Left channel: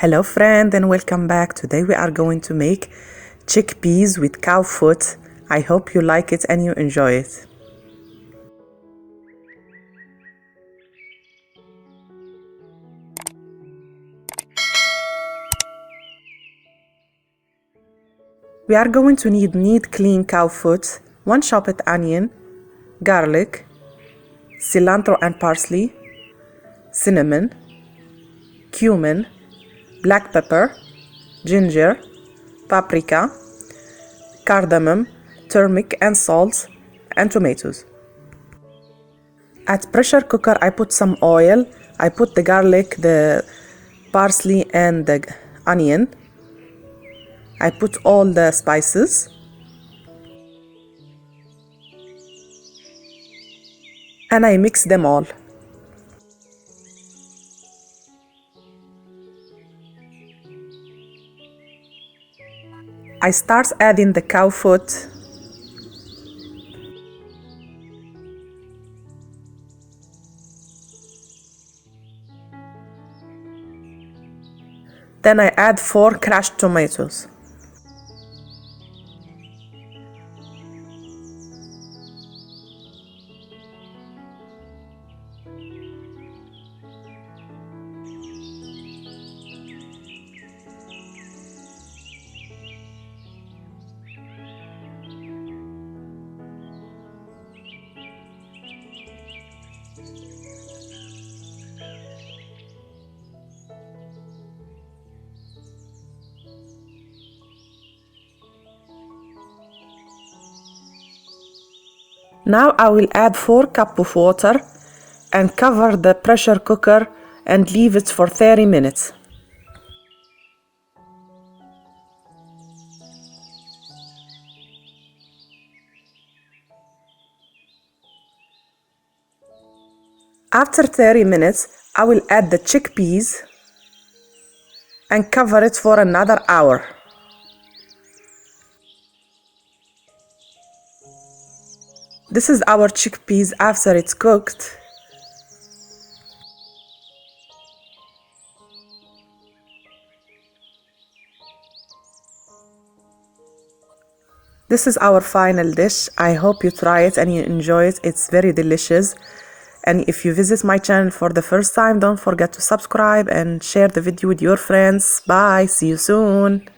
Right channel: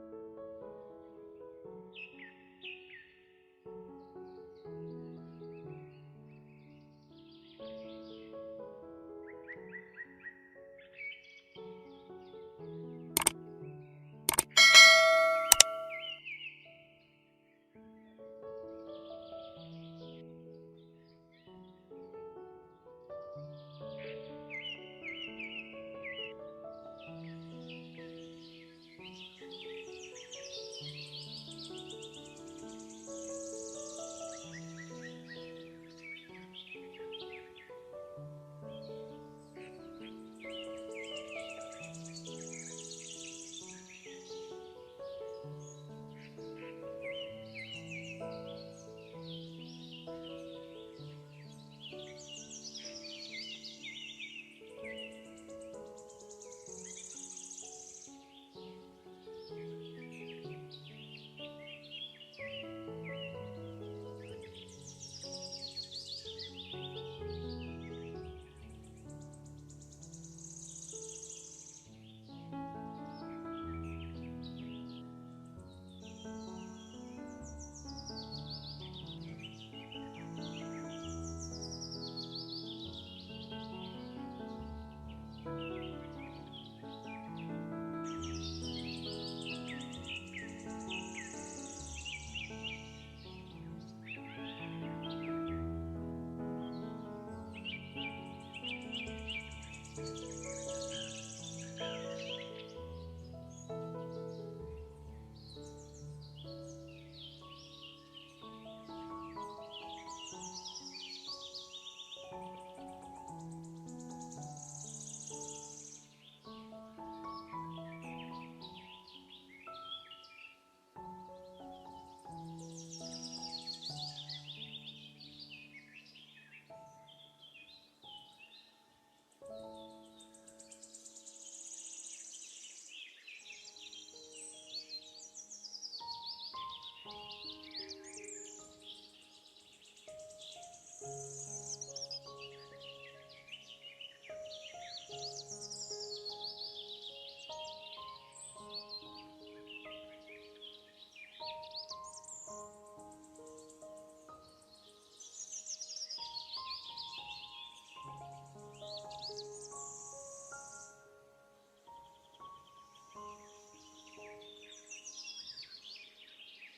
Hello friend and welcome back. Today we are going to make chickpeas with cow foot. I hope you like it and you enjoy it. We are going to need clean cow foot, 1 chopped onion, garlic, cilantro and parsley, cinnamon, cumin, black pepper, ginger, paprika, cardamom, turmeric and salt, and tomatoes. At pressure cooker I put some oil. I put the garlic, the parsley and the onion. I put all the spices and I mix them all. I start adding the cow foot. Then I add 4 crushed tomatoes. Now I will add 4 cups of water and cover the pressure cooker and leave it for 30 minutes. After 30 minutes, I will add the chickpeas and cover it for another hour. This is our chickpeas after it's cooked. This is our final dish. I hope you try it and you enjoy it. It's very delicious. And if you visit my channel for the first time, don't forget to subscribe and share the video with your friends. Bye. See you soon.